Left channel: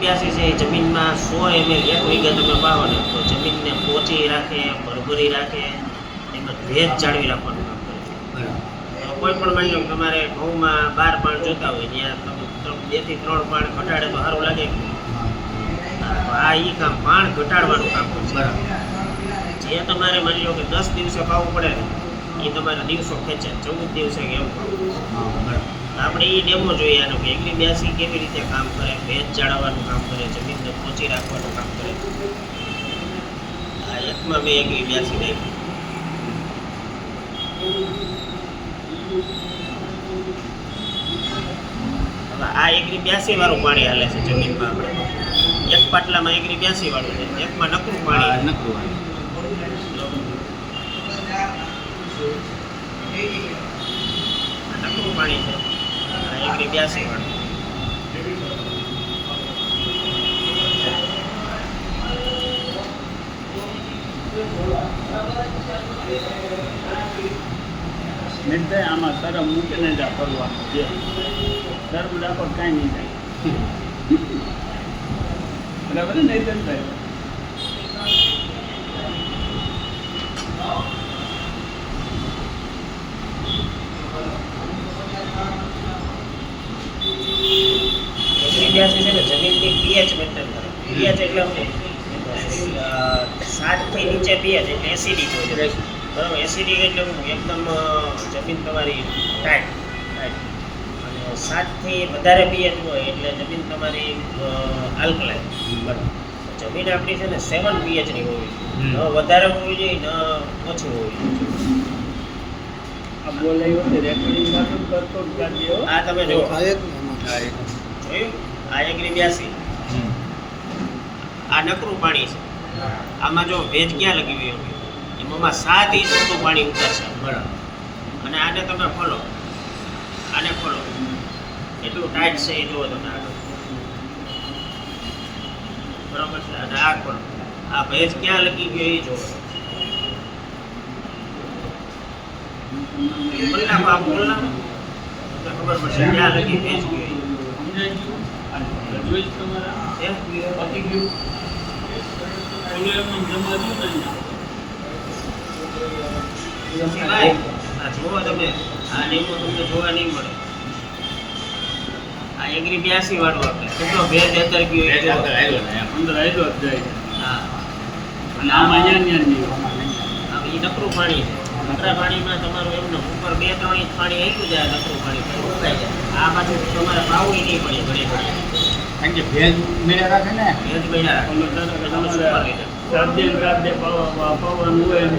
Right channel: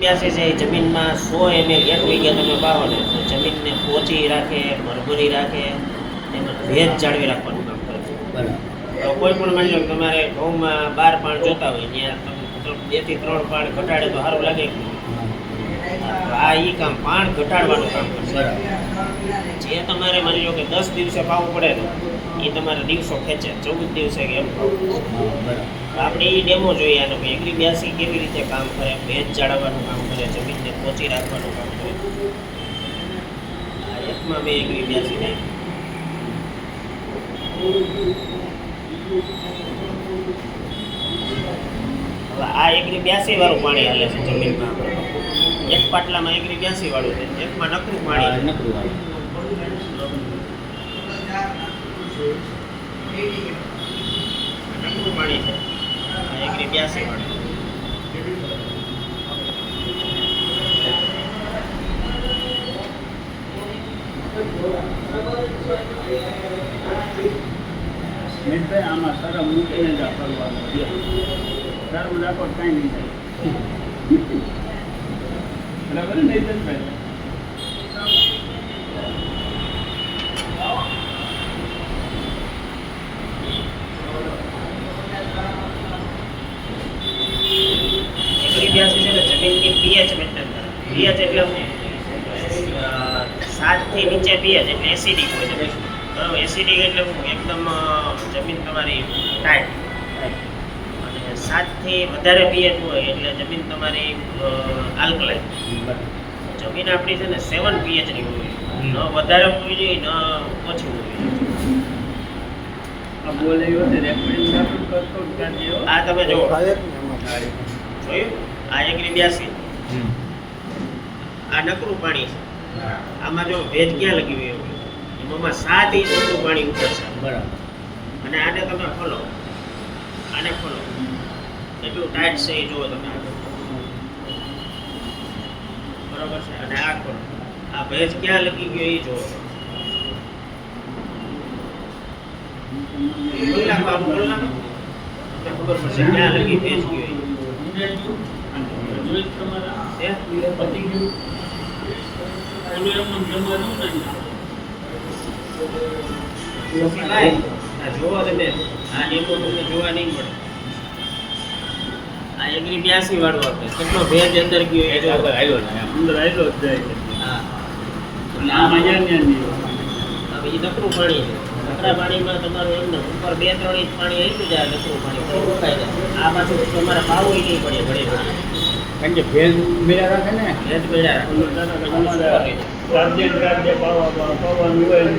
82 છે એ જમીનમાં 100 ml 1 વીઘે તમે વાવો ને તો જમીનને પોચી રાખે, ભરભરી રાખે, એનો ભેજ જાળવી રાખવાનું કામ કરે છે. બરાબર. કોઈ પણ માની લો તમારે ઘઉંમાં 12 પાણ જોતા હોય ત્યાં તમે 2 થી 3 પાણ ઘટાડે તો સારું લાગે. તો આ ઈ કામ પાણ ઘટાડવાનું કામ છે. બરાબર. જે તમારે માની લો કે 10 દિવસે પાવું પડે ને એ તમારે દિવસો ખેંચે 14 દિવસે કે એવું. હા, બરાબર. આપણે એ ડેમો જોઈએ આનો કે 82 કેવી રીતે કામ કરે, ભેજ જાળવવાનું કામ કરે, જમીનને પોચી રાખવાનું કામ કરે. આ એકમાં મેં 82 નાખી. હવે આ 82 વાળું પાણી હાલે છે જમીનમાં. આપણે એક પાટલામાં 82 વાળું છે, એકમાં નકરું પાણી છે. નકરું વાળું. નકરું પાણી છે આ 82 વાળું. મિત્રભાઈ આમાં સરમ મૂકીને જ કરવાનું છે. સરમ રાખો કાંઈ નહીં થાય. બરાબર ને નીતિનભાઈ? છે ને જમીનની પીએચ મેન્ટેન કરે. પીએચ એટલે શું? 7 થી નીચે પીએચ એટલે એસિડિક હોય છે. બરાબર, એસિડિક એટલે શું? એકદમ જમીન તમારી ટાઈટ. અને 7 થી વધારે પીએચ હોય એટલે જમીન તમારી આલ્કલાઇન. જમીન આપણી છે ને 7 પીએચ ની હોવી જોઈએ. ન વધારે હોવી જોઈએ, ન ઓછું હોવી જોઈએ. આ બોલાયો છે રેકોર્ડિંગ માટે કરતો ક્યાં જેવો? આ તમે જુઓ, થાય જ ને એમાં. જોયું? આ 82. આ નકરું પાણી છે. આમાં જો ભેજ ક્યાં લગી ગયો? એમાં 7 ઇંચ ઊંડું પાણી ઉતરશે. બરાબર. અને આને તમે ખોલો, આને ખોલો, એટલું ટાઈટ છે એ જુઓ તમે આગળ. બરોબર છે. અને આ ખોલો, આ ભેજ ક્યાં લગી ગયો એ જુઓ. બોલના બાપ બોલના, તમને ખબર પડશે ક્યાં લગી ભેજ ગયો એ. ભાઈ, આ જુઓ તમે, આ ડેમો તમને જોવા નહીં મળે. આ 82 વાળું આપણે કેટલો ભેજ અંદર ગયો એ જુઓ. અંદર આવ્યો જ જાય છે. હા, એટલે આમાં જ્યાં નહીં હવે એ નકરું પાણી છે. નકરા પાણીમાં તમારું એમને ઉપર 2-3 ઇંચ પાણી આવી જાય, નકરું પાણી તો ઉકાઈ જાય. આ પાછું તમારે પાવું નહીં પડે ઘડી ઘડી. કારણ કે ભેજ મેળે રાખે ને. ભેજ પડ્યા રાખે. તમે super રીતે. રાતે પાવાનું હોય એમ